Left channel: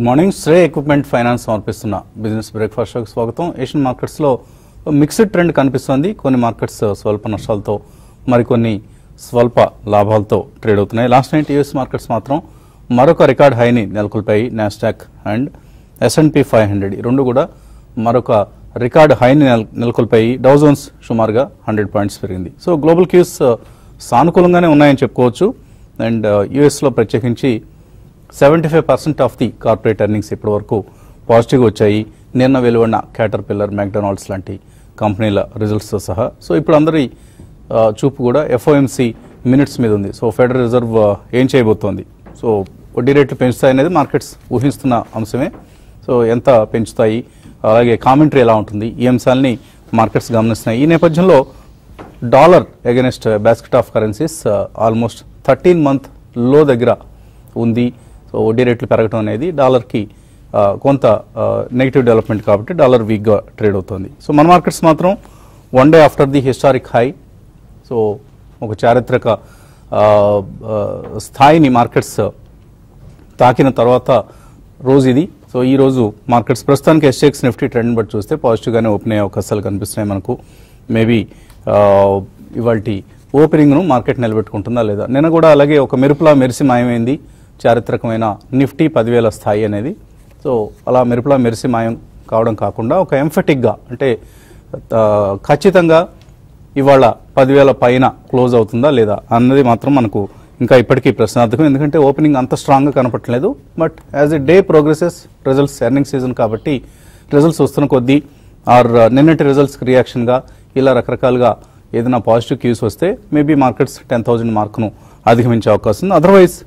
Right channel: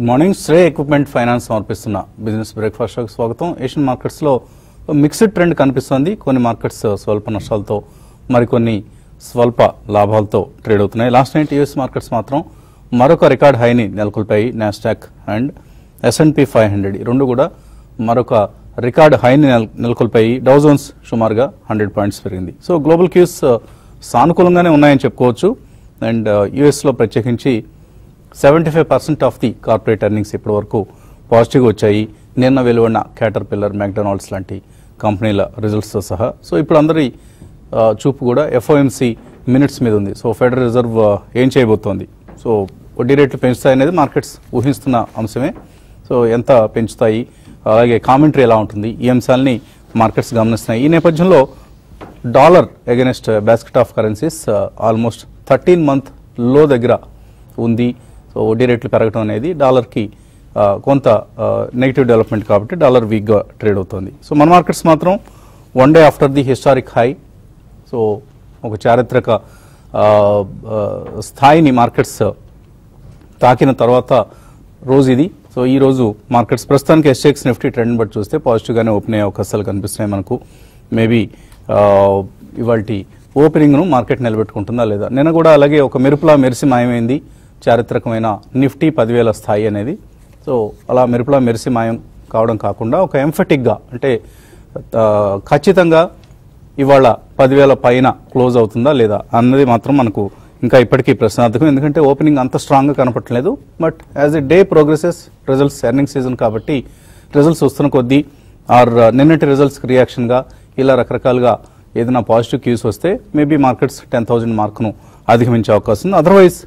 Good morning. Shreya equipment finance సమర్పిస్తున్న business breakfast షోకి స్వాగతం. ఏషియన్ మార్కెట్స్ లో మిక్స్డ్ ట్రెండ్ కనిపిస్తుంది. కొన్ని మార్కెట్స్ స్వల్ప నష్టాలతో, మరికొన్ని స్వల్ప లాభాలతో ట్రేడ్ అవుతున్నాయి. లాస్ట్ నైట్ యూఎస్ మార్కెట్స్ మాత్రం మరొక రికార్డ్ హైని నెలకొల్పాయి. నాస్డాక్ అండ్ S&P 500 రెండు కూడా మరొక రికార్డ్ హైని నెలకొల్పాయి. డౌ జోన్స్ సుమారుగా 100 పాయింట్స్ పెరిగింది. సో గ్లోబల్ క్యూస్ సానుకూలంగానే ఉన్నాయని చెప్పుకోవచ్చు. అండ్ యుఎస్ లో ప్రత్యేకించి 75% ఆఫ్ ది కార్పొరేట్ ఎర్నింగ్స్ ఇప్పటి వరకు పాజిటివ్ వచ్చాయి. నిన్న వెలువడిన క్యాటర్పిల్లర్, మ్యాక్డొనాల్డ్స్ లాంటి కంపెనీల రిజల్ట్స్ తో సహా. సో ఇప్పుడు అందరి చూపు కూడా FOMC మినిట్స్ మీద ఉంది. సో ఫెడరల్ రిజర్వ్ ఏం చేయబోతోంది, సో వడ్డీ రేట్లు పెంచుతాయి అనేది మార్కెట్స్ ఊహిస్తున్న అంశమే. సో ఎంత పెంచుతాయి, అలాగే కామెంటరీ ఎలా ఉంటుంది, ఈ అంశాలని మార్కెట్స్ గమనిస్తున్నాయి. ఈ నేపథ్యంలో dollar against basket of currencies almost 13 month లో దగ్గర ఉంది. సో వడ్డీ రేట్లు పెరగడం అనేది డాలర్ కి కొంత నెగిటివ్ డెవలప్మెంట్ కాబట్టి డాలర్ వీక్ గా ట్రేడ్ అవుతుంది. సో మన మార్కెట్స్ మాత్రం one day after the historic high, so ఒక చారిత్రక స్థాయిని మార్కెట్స్ తాకిన తర్వాత రోజు ఇది. సో ఈ రోజు మార్కెట్స్ ప్రస్తుతానికి SGX నిఫ్టీ ట్రెండ్ బట్టి చూస్తే పాజిటివ్ గానే ఓపెన్ అయ్యే అవకాశాలు కనిపిస్తున్నాయి మనకు. మేబీ ఇవాల్టి ఓపెనింగ్ ను మార్కెట్ నిలబెట్టుకుంటుందా లేదా. నిన్న కూడా అలాగే ఒక మెరుపులా మెరిసి మాయమైంది చారిత్రకమైన నిఫ్టీ 10,000 స్థాయి అనేది. సో అలా మెరుపులా మెరిసి మాయం కావడం కాకుండా ఒక ఎంఫెటిక్ గా, అంటే ఖచ్చితంగా ఇవాళ 10,000 పైన క్లోజ్ అవుతుందా లేదా అన్నది మాత్రం మనకు ఇంకా ఇప్పటికీ ప్రశ్నార్థకం. ఎందుకంటే ఓపెనింగ్ అంత స్ట్రాంగ్ గా కనపట్లేదు. But as a day progresses, results earning season కాబట్టి రిజల్ట్స్ వస్తున్న కొద్దీ ఆర్ నిన్నటి రిజల్ట్స్ రియాక్షన్ గా ఇలా రకరకాలుగా ఏదైనా పాజిటివ్ క్యూస్ వస్తే మేబీ మార్కెట్స్ 10,000 మార్క్ ను అధిగమించే అవకాశం ఉంది. అదర్వైజ్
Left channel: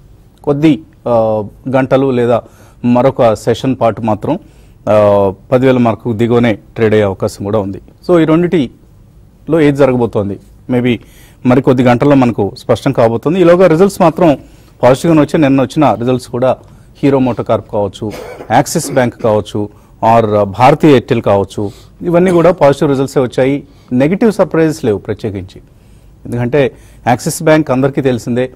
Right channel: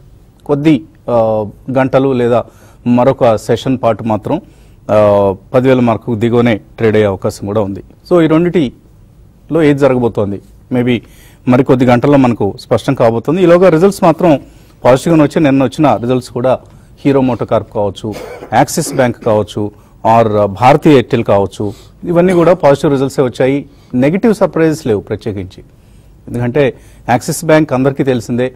కొద్ది గంటలు లేదా మరొక సెషన్ పాటు మాత్రం 10,000 మార్కు దిగువనే ట్రేడ్ అయ్యే అవకాశం కూడా ఉంది. సో ఈ రెండింటిలో ఏది జరగబోతోంది మేబీ మరికొద్ది గంటల్లో మనకు స్పష్టం కాబోతుంది. ఈలోగా రిజల్ట్స్ మాత్రం పాజిటివ్ గా వచ్చి నిన్న వచ్చిన రిజల్ట్స్ కూడా హీరో మోటార్ కార్ప్ కావచ్చు, యాక్సిస్ బ్యాంక్ కావచ్చు, ఆర్ భారతీయ ఎయిర్టెల్ కావచ్చు, ఇవన్నీ కూడా పాజిటివ్ రిజల్ట్స్ వచ్చాయి. నెగిటివ్ సర్ప్రైజెస్ లేవు ప్రత్యేకించి. ఎందుకంటే యాక్సిస్ బ్యాంక్ అందరికీ తెలిసిందే,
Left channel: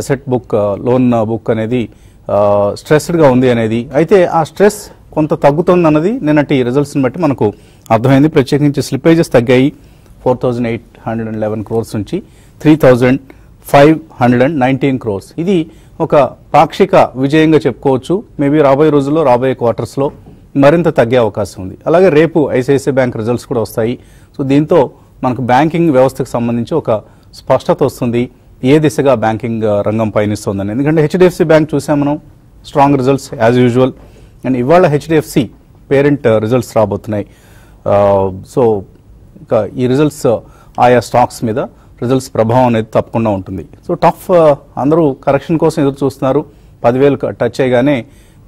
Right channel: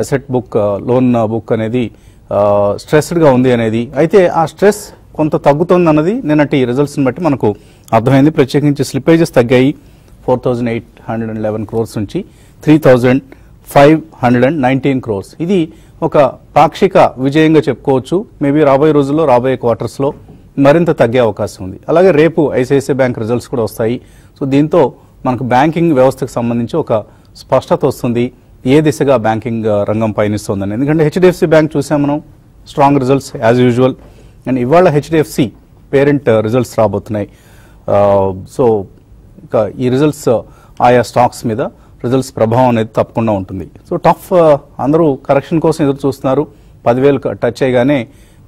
అసెట్ బుక్, లోన్ బుక్ అనేది స్ట్రెస్డ్ గా ఉంది అనేది. అయితే ఆ స్ట్రెస్ కొంత తగ్గుతుంది అన్నది నిన్నటి రిజల్ట్స్ ని బట్టి మనకు అర్థమైంది. ప్రత్యేకించి స్లిపేజెస్ తగ్గాయి. 4,811 crores నుంచి 3,519 crores. ఇది ఒక పాక్షిక విజయంగా చెప్పుకోవచ్చు. మేబీ రాబోయే రోజుల్లో, రాబోయే క్వార్టర్స్ లో మరింత తగ్గే అవకాశం ఉంది. అలాగే రేపు ICICI బ్యాంక్ రిజల్ట్స్ కూడా వస్తాయి. సో దీంతో మనకు బ్యాంకింగ్ వ్యవస్థకు సంబంధించి ఒక స్పష్టత వస్తుంది, ఏ దిశగా బ్యాంకింగ్ రంగం పయనిస్తోందని. ఎందుకంటే HDFC బ్యాంక్ చూసాం మనం, strong results as usual. And ఇవాళ HDFC పేరెంట్ రిజల్ట్స్ రాబోతున్నాయి. సో ఇంకా ఈ రిజల్ట్స్ ఆయా స్టాక్స్ మీద రిజల్ట్స్ ప్రభావం అనేది తప్పకుండా ఉంటుంది. సో టఫ్, అందరూ కరెక్షన్ కోసం ఎదురు చూస్తున్నారు. 10,000 టచ్ చేయగానే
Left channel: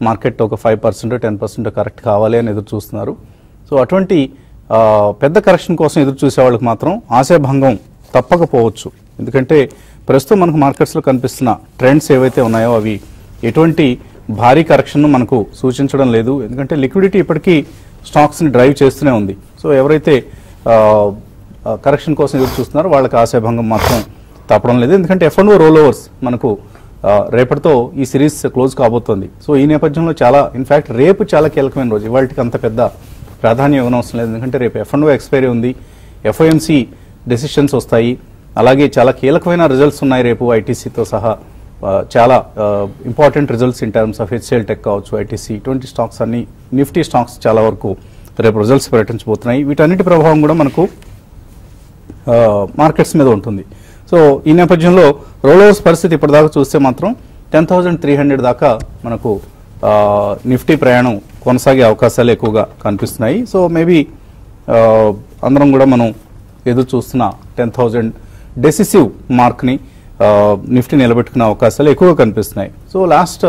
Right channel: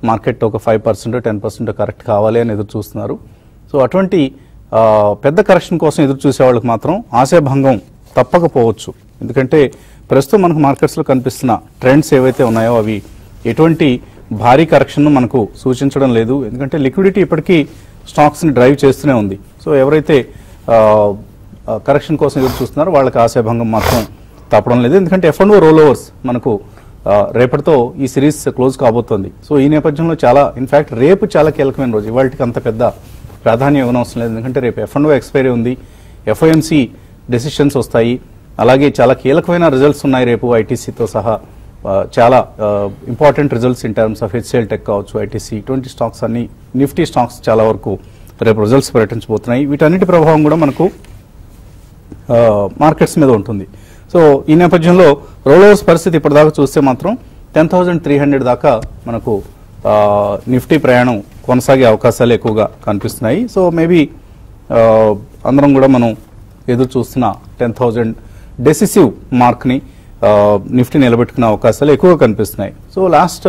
మార్కెట్ ఒక 5% 10% కరెక్ట్ కావాలి అని ఎదురు చూస్తున్నారు. సో అటువంటి పెద్ద కరెక్షన్ కోసం ఎదురు చూసే వాళ్ళకి మాత్రం ఆశాభంగం తప్పకపోవచ్చు. ఎందుకంటే ప్రస్తుతం మనకు మార్కెట్స్ లో కనిపిస్తున్న ట్రెండ్స్ ఏవైతే ఉన్నాయో అవి ఎటువంటి భారీ కరెక్షన్ మనకు సూచించడం లేదు. ఎందుకంటే లిక్విడిటీ ఇప్పటికీ స్టాక్స్ ని డ్రైవ్ చేస్తూనే ఉంది. సో ఎవరైతే కరెక్షన్ కోసం ఎదురు చూస్తున్నారో వాళ్ళకి ఆశాభంగం మాత్రం తప్పడం లేదు. ఎందుకంటే F&O రోల్ ఓవర్స్ మనకు రేపటితో ఈ సిరీస్ క్లోజ్ కాబోతోంది. సో ఈ నేపథ్యంలో ఇన్ఫాక్ట్ రేపు చాలా కీలకమైన రోజు. ఇవాళకి అంత పెద్ద ప్రాధాన్యం ఇవ్వనవసరం లేదు. ఎందుకంటే రేపు F&O ఎక్స్పైరీ ఉంది, FOMC డెసిషన్స్ వస్తాయి, అలాగే చాలా కీలకమైన రిజల్ట్స్ ఉన్నాయి రేపు ITCతో సహా. చాలా important results in terms of HCL tech కావచ్చు, ITC, ఇటువంటి స్టాక్స్ అన్ని, నిఫ్టీ స్టాక్స్ చాలా వరకు రేపు రిజల్ట్స్ ప్రకటించబోతున్నాయి. వీటన్నిటి ప్రభావం కూడా మనకు మార్కెట్స్ మీద ఉంటుంది. సో ఈ నేపథ్యంలో రోల్ పరిస్థితి ఇప్పటిదాకా చూస్తే మాత్రం 10,300 దాకా మనకు నిఫ్టీ ప్రయాణం కొనసాగే అవకాశాలు ఎక్కువగా కనిపిస్తున్నాయి. సో మేబీ అందరం కూడా మనం ఎదురు చూస్తున్న 10,000 డెసిసివ్ మార్క్ ని నిఫ్టీ నిలబెట్టుకునే అవకాశాలు ఎక్కువగా కనిపిస్తున్నాయి. సో లాస్ట్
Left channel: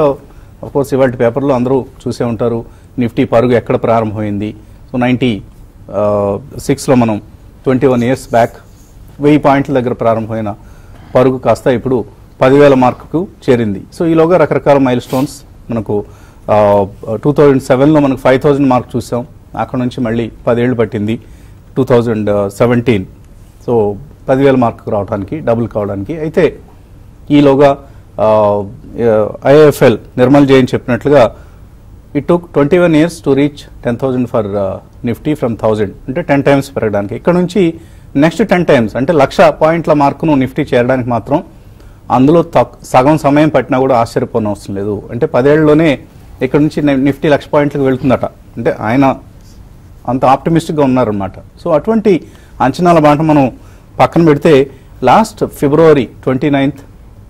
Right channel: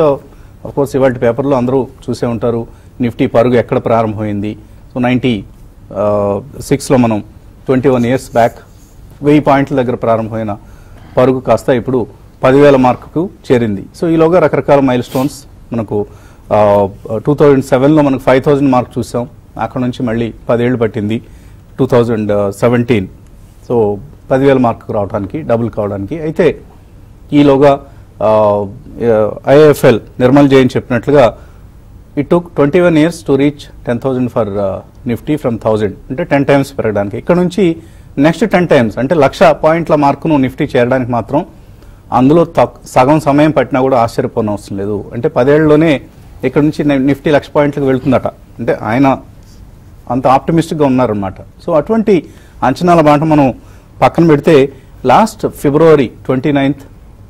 కోర్స్ ఇవాళ పేపర్లో అందరూ చూసే ఉంటారు, నిఫ్టీ పరుగు ఎక్కడ ప్రారంభమైంది. సో 96 లో మనం 21 years బ్యాక్ 1000 పాయింట్ల దగ్గర ప్రారంభమైన పరుగు కాస్త ఇప్పుడు 10,000 మార్కుకు చేరింది. సో ఈలోగా రకరకాల మైల్ స్టోన్స్ మనకు 2007లో మనకు 5,000 మార్క్ చూసాం. అక్కడ నుంచి మళ్ళీ 10 ఏళ్ళు పట్టింది 2017. సో 10,000 మార్క్ రావడానికి, డబుల్ కావడానికి. అయితే ఈలోగా IIFL నిర్మల్ జైన్ చెప్పినట్లుగా it took 21 years to reach 10,000 for Nifty from 1000, అంటే 10 times పెరగడానికి. ఇక్కడ నుంచి నెక్స్ట్ 10 times అంటే 1,00,000 పాయింట్ల మార్కును నిఫ్టీ చేరడానికి మాత్రం అందులో సగం సమయం పట్టినా కూడా ఆశ్చర్యపోనవసరం లేదు. అంటే 10 ఏళ్లలోనే ఇక్కడ నుంచి నిఫ్టీ 1,00,000 పాయింట్లకు వెళ్తుందట. అంటే ఆయన అంత ఆప్టిమిస్టిక్ గా ఉన్నారనమాట. సో అటువంటి అంచనాల మాట మనం పక్కన పెడితే లాస్ట్ February 29th,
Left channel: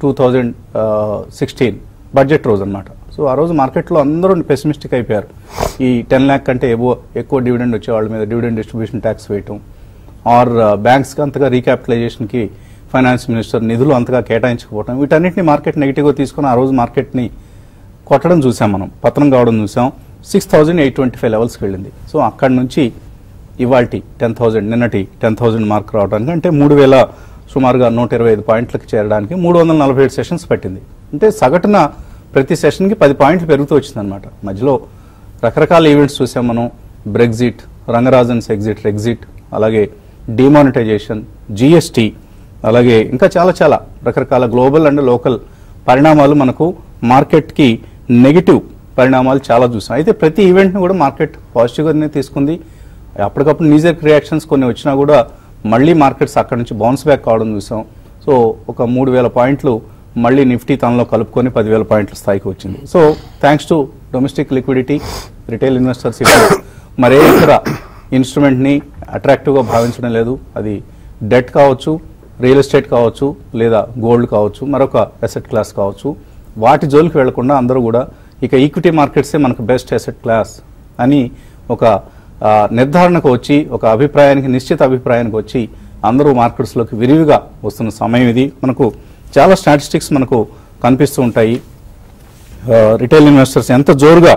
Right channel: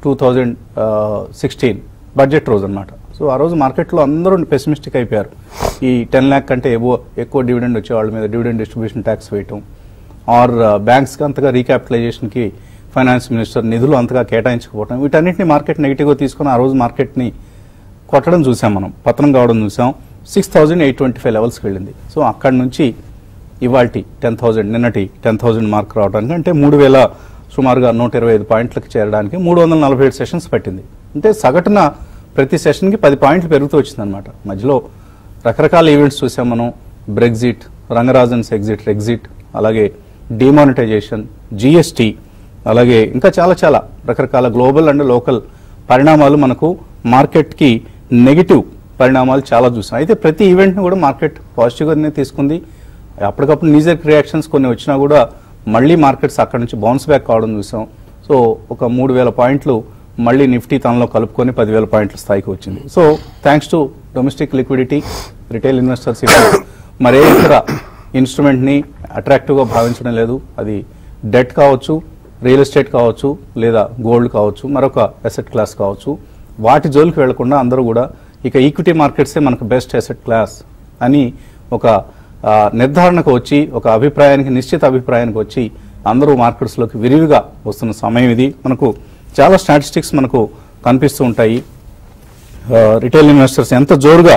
2016 బడ్జెట్ రోజు అనమాట. సో ఆ రోజు మార్కెట్లో అందరూ పెసిమిస్టిక్ అయిపోయారు. ఈ 10 lakh కంటే ఎక్కువ డివిడెండ్ వచ్చే వాళ్ళ మీద డివిడెండ్ డిస్ట్రిబ్యూషన్ ట్యాక్స్ వేయటం, ఆర్ బ్యాంక్స్ కి అంతగా రీక్యాపిటలైజేషన్ కి ఫైనాన్స్ మినిస్టర్ నిధులు అంతగా కేటాయించకపోవడం, వీటన్నిటిని మార్కెట్ నెగిటివ్ గా తీసుకుని ఆ రోజు మార్కెట్ ని కొట్టడం చూసాం, మనం పతనం కావడం చూసాం. 6,825 లెవెల్స్ వెళ్ళింది. సో అక్కడ నుంచి ఇవాల్టి 10,000, నిన్నటి 10,000 మార్క్ రావడానికి, అంటే 3,000 సుమారుగా 125 పాయింట్లకు చేరడానికి 347 సెషన్స్ పట్టింది. అంటే సగటున ప్రతి సెషన్ కి 10 పాయింట్లు పెరుగుతూ వచ్చింది అనమాట. మధ్యలో రకరకాల ఈవెంట్స్ చూసాం మనం. బ్రెగ్జిట్, రంగరాజన్స్ ఎగ్జిట్, అలాగే డిమానిటైజేషన్, జిఎస్టి, అలాగే ఇంకా చాలా చాలా రకరకాల గ్లోబల్ అండ్ లోకల్ పరిణామాలు మనకు మార్కెట్ కి నెగిటివ్ పరిణామాలు చాలా చూసాం. అయితే ప్రతి ఈవెంట్ ను కూడా మార్కెట్ పాజిటివ్ గానే తీసుకుంది. అప్పటికప్పుడు నీజర్ రియాక్షన్స్ కొన్ని వచ్చినా కూడా మళ్ళీ మార్కెట్స్ అక్కడ నుంచి బౌన్స్ బ్యాక్ కావడం చూసాం. సో ఒక 3,000 పాయింట్లు మళ్ళీ నిఫ్టీ తనలో కలుపుకొని 10,000 పాయింట్ల స్థాయికి వచ్చింది. So thanks to domestic liquidity, retail investors మరే ఇతర ఇన్స్ట్రుమెంట్ ని అట్రాక్టివ్ గా భావించడం లేదు. అది డెట్ కావచ్చు, రియల్ ఎస్టేట్ కావచ్చు, లేదా గోల్డ్ కావచ్చు, మరొక అసెట్ క్లాస్ కావచ్చు. వాటి జోలికి వెళ్లకుండా అందరూ కూడా ఇక ఈక్విటీ మార్కెట్సే మనకు బెస్ట్ అసెట్ క్లాస్ అని ఒక నిర్ధారణకు వచ్చి, ఒక అభిప్రాయానికి, నిశ్చిత అభిప్రాయానికి వచ్చి అందరూ మార్కెట్స్ లోకి విరివిగా వస్తున్న సమయం ఇది. మనకు చాలా స్టాటిస్టిక్స్ మనకు కనిపిస్తూ ఉంటాయి. రిటైల్ ఇన్వెస్టర్స్ ఎంత జోరుగా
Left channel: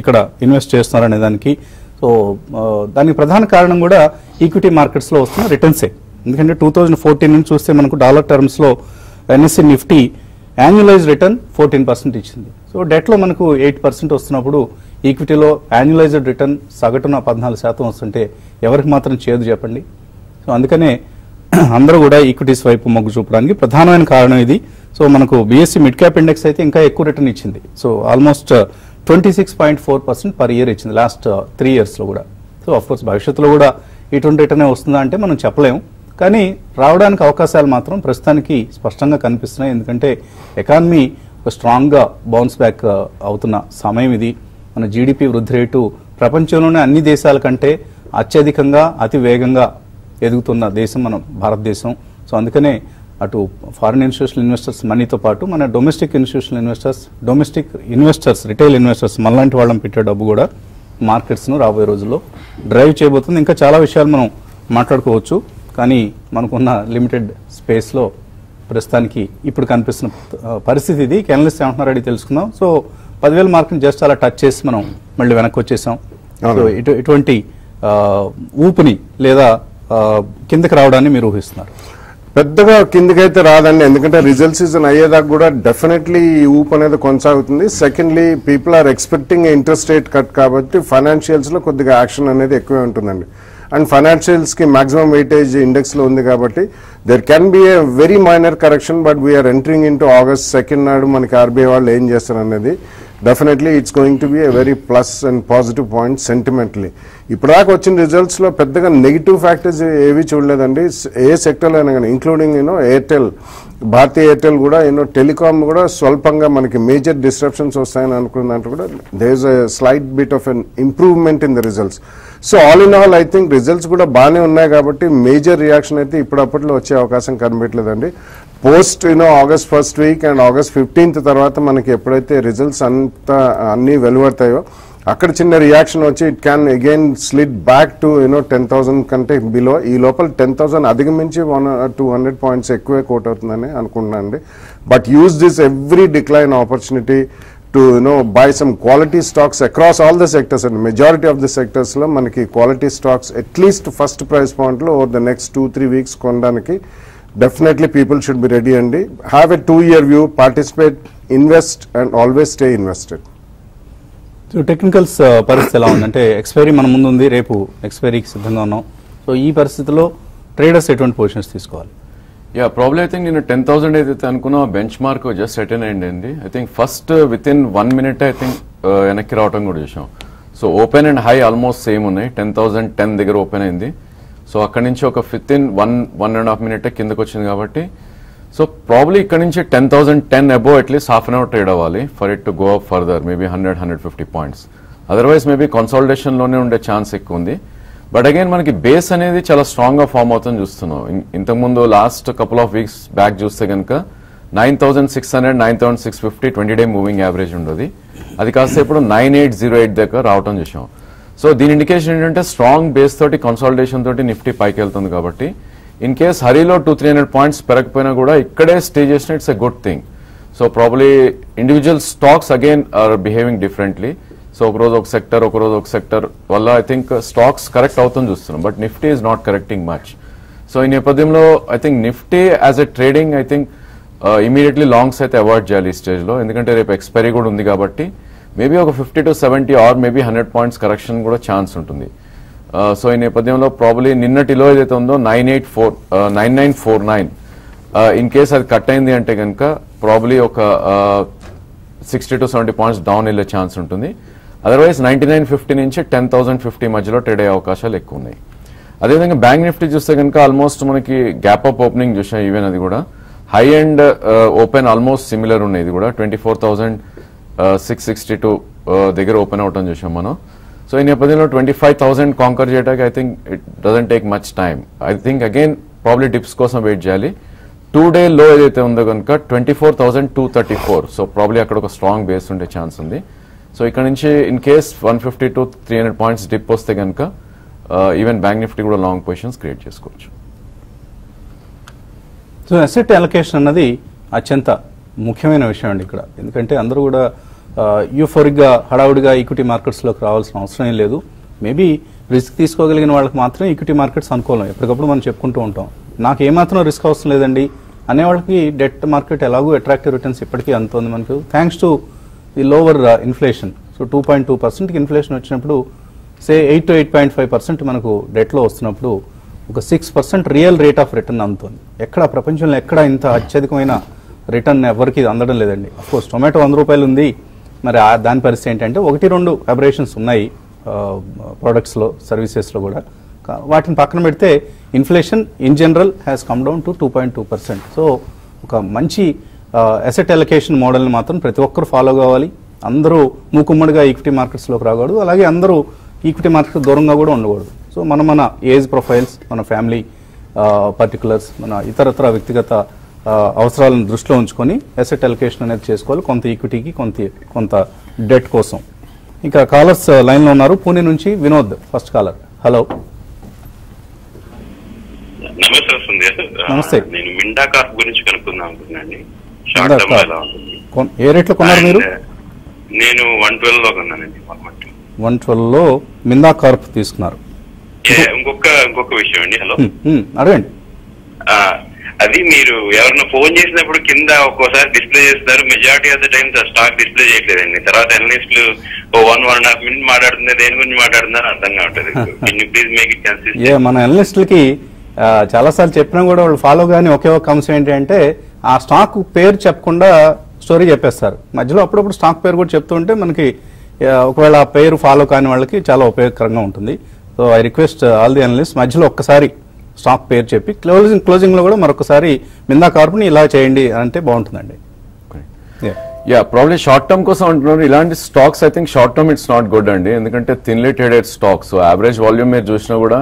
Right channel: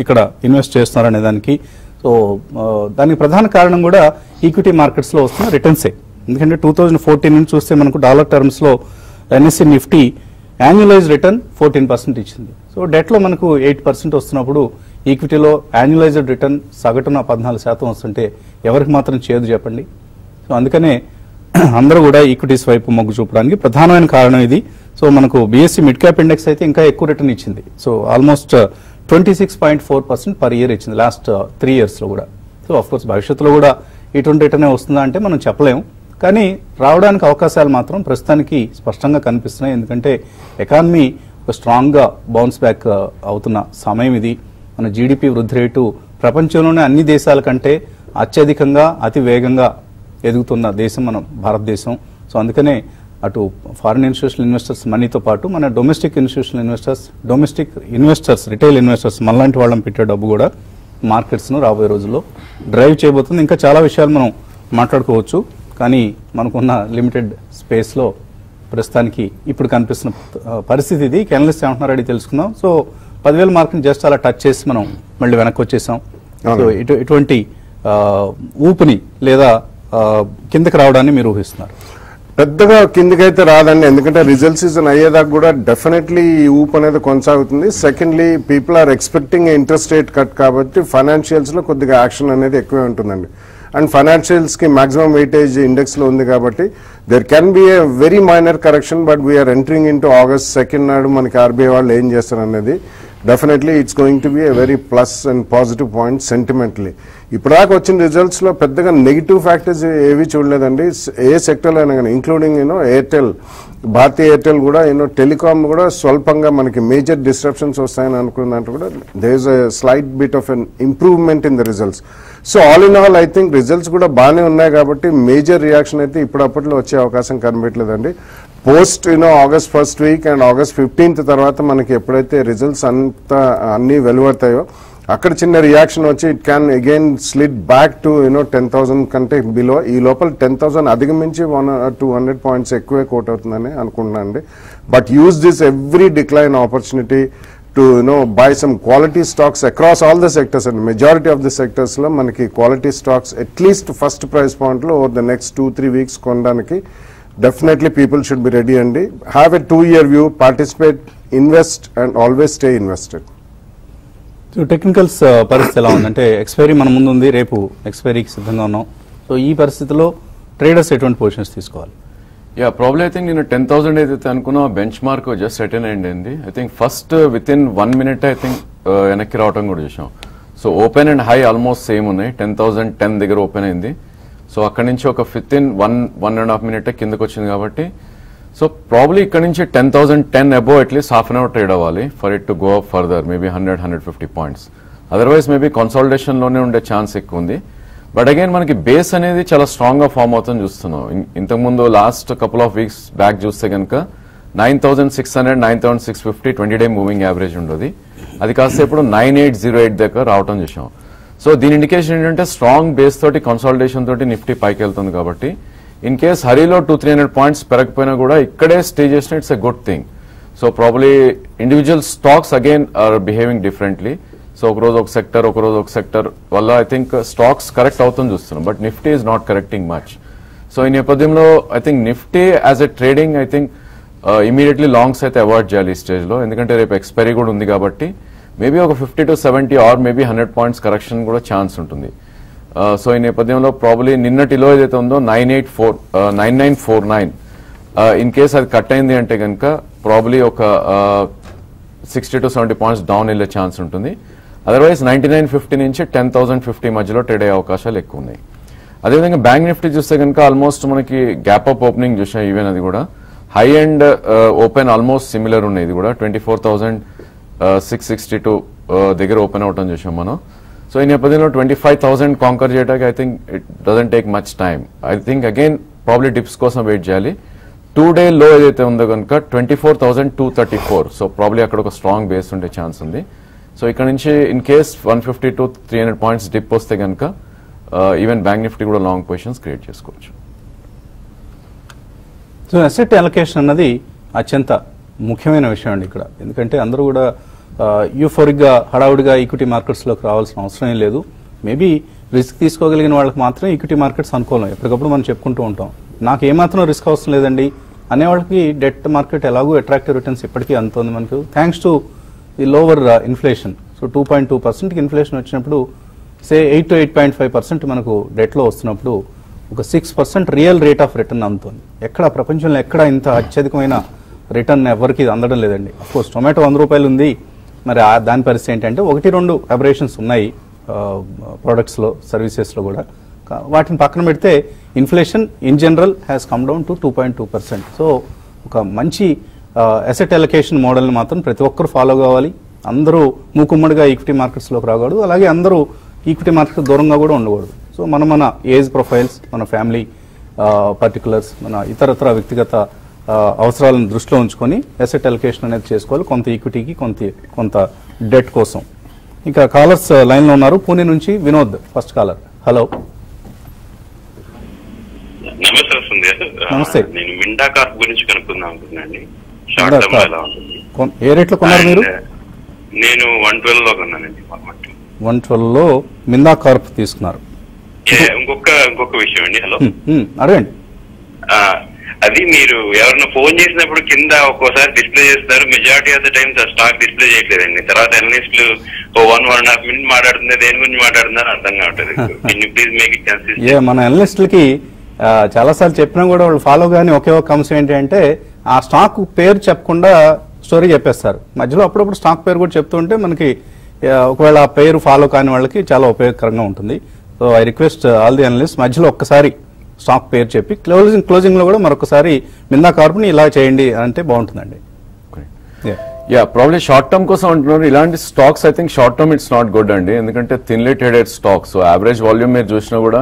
ఇక్కడ ఇన్వెస్ట్ చేస్తున్నారనే దానికి. సో దానికి ప్రధాన కారణం కూడా ఈక్విటీ మార్కెట్స్ లో వస్తున్న రిటర్న్సే. ఎందుకంటే 2014 నుంచి చూస్తే మనకు డాలర్ టర్మ్స్ లో ఎన్ఎస్సి నిఫ్టీ యాన్యువలైజ్ రిటర్న్ 14% ఇచ్చింది. సో డెట్ లో మనకు 8% వస్తున్నప్పుడు ఈక్విటీలో యాన్యువలైజ్డ్ రిటర్న్ సగటున 14% వస్తుంటే ఎవరికి మాత్రం చేదు చెప్పండి. సో అందుకనే అందరూ కూడా ఈక్విటీస్ వైపు మొగ్గు చూపడానికి ప్రధానమైన కారణం ఇది. సో మనకు బిఎస్సి మిడ్ క్యాప్ ఇండెక్స్ అయితే ఇంకా ఎక్కువ రిటర్న్ ఇచ్చింది. సో ఆల్మోస్ట్ 26.4% పర్ ఇయర్ ఇచ్చింది లాస్ట్ 3 years లో కూడా. సో ఆఫ్ కోర్స్ భవిష్యత్తులో కూడా ఇటువంటి రిటర్న్ వస్తుందా అంటే మనం చెప్పలేము. కానీ రావడానికి అవకాశాలు మాత్రం ప్రస్తుతానికి స్పష్టంగా కనిపిస్తున్నాయి. ఎందుకంటే ఎకానమీ స్ట్రాంగ్ గా బౌన్స్ బ్యాక్ అవుతున్న సమయం ఇది. మన జీడిపి వృద్ధి రేటు ప్రపంచంలోనే అన్ని దేశాల కంటే అత్యధికంగా, అతి వేగంగా ఎదుగుతున్న దేశం మన భారతదేశం. సో అందుకనే అటు ఫారిన్ ఇన్స్టిట్యూషనల్ ఇన్వెస్టర్స్ మనీతో పాటు మన domestic institutional investors, retail investors మనలాంటి వాళ్ళని పెట్టే డబ్బు కూడా మార్కెట్స్ ను రాబోయే రోజుల్లో డ్రైవ్ చేయబోతుంది. ఇంకా చాలా విషయాలు మనం మాట్లాడుకోవచ్చు, కానీ మనకున్న లిమిటెడ్ స్పేస్ లో ప్రస్తుతానికి ఇప్పుడు కనిపిస్తున్న పరిస్థితి ఇది. అనలిస్ట్ ఏమంటున్నారు అడిగి తెలుసుకుందాం. సో 10,000 మార్కుని జస్ట్ అలా టచ్ చేసి మనం మళ్ళీ వెనక్కి వచ్చేసాం. సో ఇటువంటి ఊపిరి లేదా కిందకి రావడాన్ని మీరు ఊహిస్తున్నారు? పెద్దగా కిందికైతే రాదండి, ఎందుకంటే రిజల్ట్ సీజన్ అయ్యేదాకా కూడా డెఫినెట్లీ ఈ ఊపు అనేది కొనసాగుతుంది. Secondly, people are expecting interest rate cut కాబట్టి ఫైనాన్షియల్స్ లో కొద్దిగా యాక్షన్ అనేది ఎక్కువే ఉంటుందండి. అండ్ ఫైనాన్షియల్స్ కి మాక్సిమం వెయిటేజ్ ఇండెక్స్ లో ఉంది కాబట్టి there can be a very minor correction. But we're entering into August 2nd నాడు మనకి ఆర్బీఐ వాళ్ళు ఏం చేస్తారు అనేది definitely it's going to be a very plus and positive point sentimentally. ఇప్పటిదాకా వచ్చిన రిజల్ట్స్ లో పెద్దగా నెగిటివ్ ఫ్యాక్టర్స్ ఏవి చూడలేదండి. ఏ సెక్టర్ లో అయినా కానీ, ఇంక్లూడింగ్ ఎయిర్టెల్, భారతీయ ఎయిర్టెల్ కూడా టెలికాం కూడా స్వల్పంగా మనకి మేజర్ డిస్ట్రప్షన్స్ వస్తాయని అనుకున్న దాంట్లో కూడా there is a slight bit of an improvement in the results. So all in all I think results కూడా బాగానే ఉన్నాయి కాబట్టి మేజర్ రియాక్షన్ అయితే ఇప్పుడప్పట్లో వచ్చే అవకాశం కనిపించలేదండి. Post August 1st week and August 15th తర్వాత మనకి ఎప్పుడైతే రిజల్ట్స్ అంతా అన్ని వెలువడతాయో అక్కడ చిన్న రియాక్షన్ వచ్చి it can again slit back to 10,000 కంటే బిలో. ఈ లోపల 10,000 అధిగమించి 100-200 పాయింట్స్ ఎక్కువే కోట్ అవుతుందని అనుకుంటున్నాను అండి. But use this every decline opportunity to buy some quality stocks across all the sectors, and majority of the sectors lo manaki quality stocks at least first price point lo over the next 2-3 weeks kondaniki definitely people should be ready and have a 2-year view, participate, invest and always stay invested. So technicals పరిస్థితి ఎలా ఉందంటే expiry మన ముందు ఉంది, రేపు ఎక్స్పైరీకి సిద్ధంగా ఉన్నాం. So ఈ పరిస్థితిలో ట్రేడర్స్ ఎటువంటి పొజిషన్స్ తీసుకోవాలి? Yeah, probably I think in 10,000 ఏదైతే అనుకున్నా బెంచ్ మార్క్ జస్ట్ సెటిల్ అయ్యింది అండి. I think first within 1 minute I think వెనక్కి రావడం కూడా చూసాం. So open and high almost same ఉన్నాయి. 10,010 దగ్గర ఓపెన్ అయింది. సో అక్కడ నుంచి ఒక విత్ ఇన్ 1.5 మినిట్ కిందకి వచ్చింది కాబట్టి సో ప్రాబ్లీ ఇక్కడ నుంచి 10,010 above at least half an hour trade అవ్వాలి for it to go up further maybe 100-150 points. Otherwise maybe consolidation లోనే ఉండే ఛాన్స్ ఎక్కువ ఉంది. బట్ అగైన్ మనకి బేస్ అనేది చాలా స్ట్రాంగ్ గా ఫామ్ అవుతుంది చూస్తున్నాం. ఇంతకుముందు last couple of weeks back చూస్తే కనుక 9,600, 9,650 20-డే మూవింగ్ యావరేజ్ ఉండదు. అది కాస్త ఇప్పుడు 9,808 దగ్గర రావడం చూసాం. సో దీని ఇండికేషన్ ఏంటంటే స్ట్రాంగ్ బేస్ తోటి కన్సాలిడేషన్ తోటి నిఫ్టీ పైకి వెళ్తుంది కాబట్టి ఇన్ కేస్ హరిలో 200-300 పాయింట్స్ పెరగకపోయినా కూడా ఇక్కడే స్టే చేసిన it's a good thing. So probably individual stocks again are behaving differently. So ఒక రోజు ఒక సెక్టర్ వల్ల ఐ థింక్ స్టాక్స్ కరెక్ట్ అవుతుంది చూస్తున్నాం. But Nifty is not correcting much. So ఈ నేపథ్యంలో I think Nifty as a trading I think immediately longs అయితే avoid చేయాలి ఈ స్టేజ్ లో. ఎందుకంటే రేపు ఎక్స్పైరీ కూడా ఉంది కాబట్టి మేబీ ఒక 50-70 ఆర్ మేబీ 100 పాయింట్స్ కరెక్షన్ కూడా ఛాన్స్ ఉంటుంది. సో ఈ నేపథ్యంలో ప్రాబ్లీ నిన్నటిలో ఏదైతే ఉందో 9949 ఇన్ కేస్ అది కట్ అయింది అంటే కనుక ప్రాబ్లీ ఒక 60-70 పాయింట్స్ డౌన్ వెళ్ళే ఛాన్స్ ఉంటుంది. అదర్వైజ్ 9950 నుంచి 10,050 మధ్యలో ట్రేడ్ అయ్యే అవకాశాలు ఎక్కువ ఉన్నాయి. అదేవిధంగా బ్యాంక్ నిఫ్టీ చూస్తే కనుక ఆల్మోస్ట్ మనకి గ్యాప్ అప్ ఓపెనింగ్ చూసాం. ఈవెన్ అది కూడా high and open almost similar ఉన్నాయి. ఇది కూడా 24,662 దగ్గర ఓపెన్ అవటం చూసాం మనం. సో ఈ నేపథ్యంలో 25,000 కాంకర్ చేయడానికి I think it doesn't take much time. I think again probably dips కోసం వెయిట్ చేయాలి. 2-డే లో ఏదైతే ఉందో కనుక 24,234. సో ప్రాబ్లీ అక్కడ ఒక స్ట్రాంగ్ బేస్ ఉండే ఛాన్స్ ఉంది. సో ఇక్కడ నుంచి ఇన్ కేస్ 150-300 పాయింట్స్ డిప్ వస్తే కనుక ఈవెన్ బ్యాంక్ నిఫ్టీ కూడా లాంగ్ పొజిషన్స్ క్రియేట్ చేసుకోవచ్చు. సో అసెట్ అలొకేషన్ అన్నది అత్యంత ముఖ్యమైన విషయం అండి ఇక్కడ. ఎందుకంటే అందరూ కూడా యూఫోరిక్ గా హడావుడిగా ఈక్విటీ మార్కెట్స్ లోకి రావాల్సిన అవసరం లేదు. మేబీ రిస్క్ తీసుకోగలిగిన వాళ్ళకి మాత్రం ఈక్విటీ మార్కెట్స్ అనుకూలం. ఎప్పటికప్పుడు మనం చెప్పుకుంటూ ఉంటాం నాకు ఏమాత్రం రిస్క్ అవసరం లేదండి అనే వాళ్ళకి డెట్ మార్కెట్ ఎలాగో అట్రాక్టివ్ రిటర్న్స్ ఇప్పటికీ అందుతుంది మనకు thanks to the lower inflation. So 2.2% inflation వచ్చినప్పుడు సే 8-8.5% మనకు డెట్ లో వస్తున్నప్పుడు ఒక 6% రియల్ రేట్ ఆఫ్ రిటర్న్ అందుతుంది. ఎక్కడ ప్రపంచంలో ఎక్కడ ఇంత అత్యధికమైన రిటర్న్ ఎవరికి అందడం లేదండి. అఫ్కోర్స్ టొమాటో 100 రూపాయలు ఉంది. మరి దాని పరిస్థితి ఏంటంటే 1-2 అబరేషన్స్ ఉన్నాయి ప్రొడక్ట్స్ లో సర్వీసెస్ లో కూడా. వాటిని పక్కన పెడితే inflation in general has come down to 2.2%. So ఒక మంచి అసెట్ అలొకేషన్ మోడల్ మాత్రం ప్రతి ఒక్కరు ఫాలో కావాలి. అందరూ మూకుమ్మడిగా ఈక్విటీ మార్కెట్స్ లోకి రాకూడదు. అలాగే అందరూ ఈక్విటీ మార్కెట్ దూరంగా కూడా ఉండకూడదు. సో మన ఏజ్ ప్రొఫైల్స్, మన ఫ్యామిలీ పర్టికులర్స్, మన ఇతరత్ర వ్యక్తిగత అవసరాలను దృష్టిలో ఉంచుకొని అసెట్ అలొకేషన్ అనేది చేసుకోవాలి. కొంత ఈక్విటీకి కొంత డెట్ కోసం. ఇంకా కాలర్స్ లైన్ లో ఉన్నారు. పూణే నుంచి వినోద్ ఫస్ట్ కాలర్. హలో నమస్తే. నేను మిండా కార్ప్ గురించి కనుక్కుందాం అనుకున్నాను. షార్ట్ టర్మ్ ఎలా ఉంటుంది? ఏ రేట్ లో కొన్నారు మీరు? నేను 112 లో కొన్నానండి. 112 లో మిండా కార్ప్ తీసుకున్నారు. ఇంకొక విషయం అండి. హలో అడగండి. అది మీరు ఎవరన్నా ఫోన్ చేసినప్పుడు కింద ఒక్కోసారి డిస్ప్లే చేస్తారు. మెజారిటీ ఆఫ్ ద టైమ్స్ ఆ స్టాక్ డిస్ప్లే చేయట్లేదండి. తర్వాత అనలిస్టులు 1.5 మినిట్ మాట్లాడుతున్నారు, దేని గురించి మాట్లాడుతున్నారు అర్థం కావట్లేదు. Please make it consistent. మన అనలిస్టులకి చాలా సార్లు చెప్పినా కూడా వాళ్ళు ఫాలో కానీ ఒకే ఒక అంశం ఏంటంటే ఆ స్టాక్ పేరు చెప్పకుండా స్టోరీ చెప్పేస్తారు. మధ్యలో అప్పుడప్పుడు స్టాక్ పేరు కూడా చెప్తుంటే మనకి ఒకవేళ ఆ పేరు ఫాలో కాని వాళ్ళకి చాలా ఉపయోగకరంగా ఉంటుంది. So I request all the analyst మధ్యలో ఒక్కసారి స్టాక్ పేరు చెప్పి క్లోజింగ్ లో కూడా మరొకసారి మిందా కార్ప్ ని ఇలా చేయండి అంటే బాగుంటుందండి. ప్రాబ్లీ షార్ట్ టర్మ్ కోసం అంటున్నారు. ఇలాంటి stocks I think short term it's not good అండి. ఎందుకంటే thinly traded stocks average volume మీరు చూసినా కూడా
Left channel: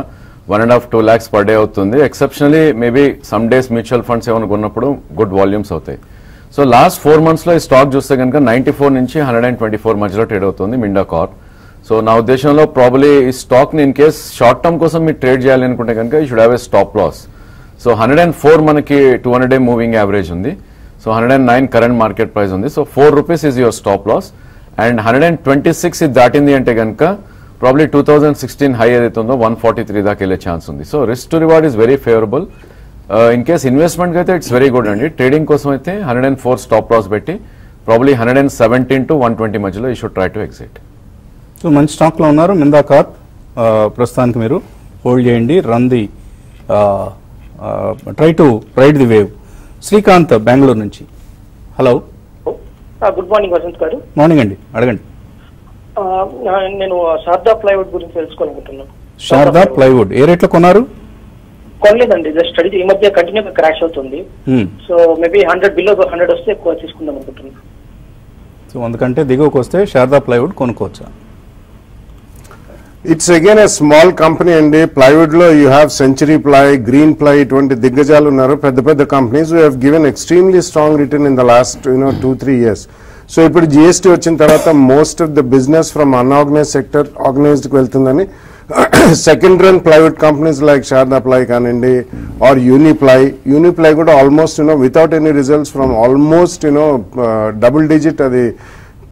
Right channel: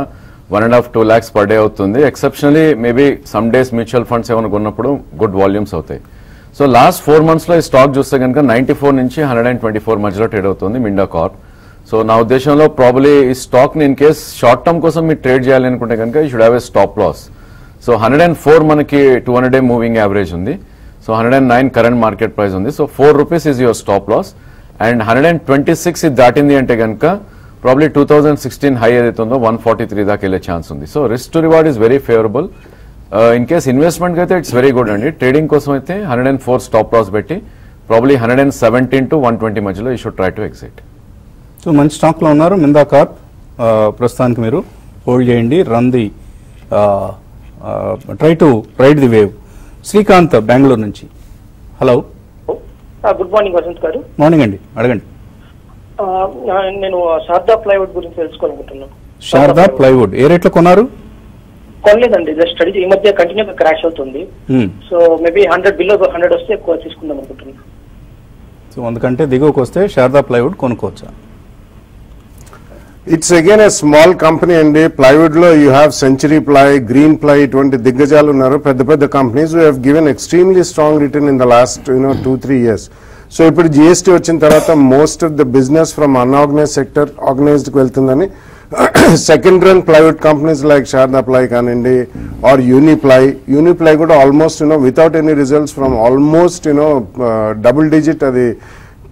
1.5-2 lakhs per day అవుతుంది. Exceptionally maybe some days mutual funds ఏమైనా కొన్నప్పుడు గుడ్ వాల్యూమ్స్ అవుతాయి. సో లాస్ట్ 4 months లో ఈ స్టాక్ చూస్తే కనుక 94 నుంచి 124 మధ్యలో ట్రేడ్ అవుతుంది మిండా కార్ప్. సో నా ఉద్దేశంలో ప్రాబ్లీ ఈ స్టాక్ ని ఇన్ కేస్ షార్ట్ టర్మ్ కోసం మీరు ట్రేడ్ చేయాలి అనుకుంటే కనుక you should have a stop loss. So 104 మనకి 200-day మూవింగ్ యావరేజ్ ఉంది. సో 109 కరెంట్ మార్కెట్ ప్రైస్ ఉంది. So ₹4 is your stop loss. And 126 ఇది దాటింది అంటే కనుక ప్రాబ్లీ 2016 హై ఏదైతే ఉందో 143 దాకా వెళ్ళే ఛాన్స్ ఉంది. So risk to reward is very favourable. In case investment అయితే ఇట్స్ వెరీ గుడ్ అండి. ట్రేడింగ్ కోసం అయితే 104 స్టాప్ లాస్ పెట్టి ప్రాబ్లీ 117 to 120 మధ్యలో you should try to exit. So మంచి స్టాక్ లో ఉన్నారు మిందా కార్ప్. ప్రస్తుతానికి మీరు హోల్డ్ చేయండి. Run the try to ride the wave. Srikanth Bengaluru నుంచి. హలో గుడ్ మార్నింగ్ వసంత్ గారు. మార్నింగ్ అండి, అడగండి. నేను శారదా ప్లైవుడ్ గురించి తెలుసుకోవాలనుకుంటున్నాను. శారదా ప్లైవుడ్ ఏ రేట్లో కొన్నారు? కొనలేదండి, జస్ట్ ఈ మధ్య కంటిన్యూగా క్రాష్ అవుతుంది. సో మేబీ 100 బిలో 100 వస్తే ఎక్కువ తీసుకుందాం అనుకుంటున్నాను. సో అందుకంటే దిగువకు వస్తే శారదా ప్లైవుడ్ కొనుక్కోవచ్చా? It's again a small company అండి. ప్లైవుడ్ లో you have Century Ply, Green Ply, ఇటువంటి దిగ్గజాలు ఉన్నారు. పెద్ద పెద్ద companies who have given extremely strong return in the last 2-3 years. So ఇప్పుడు జిఎస్టీ వచ్చిన తర్వాత most of the business from unorganised sector organised కి వెళ్తుందని second run private companies like Sharada ply కానివ్వండి ఆర్ యూనిప్లై కూడా almost without any results from almost double digit అది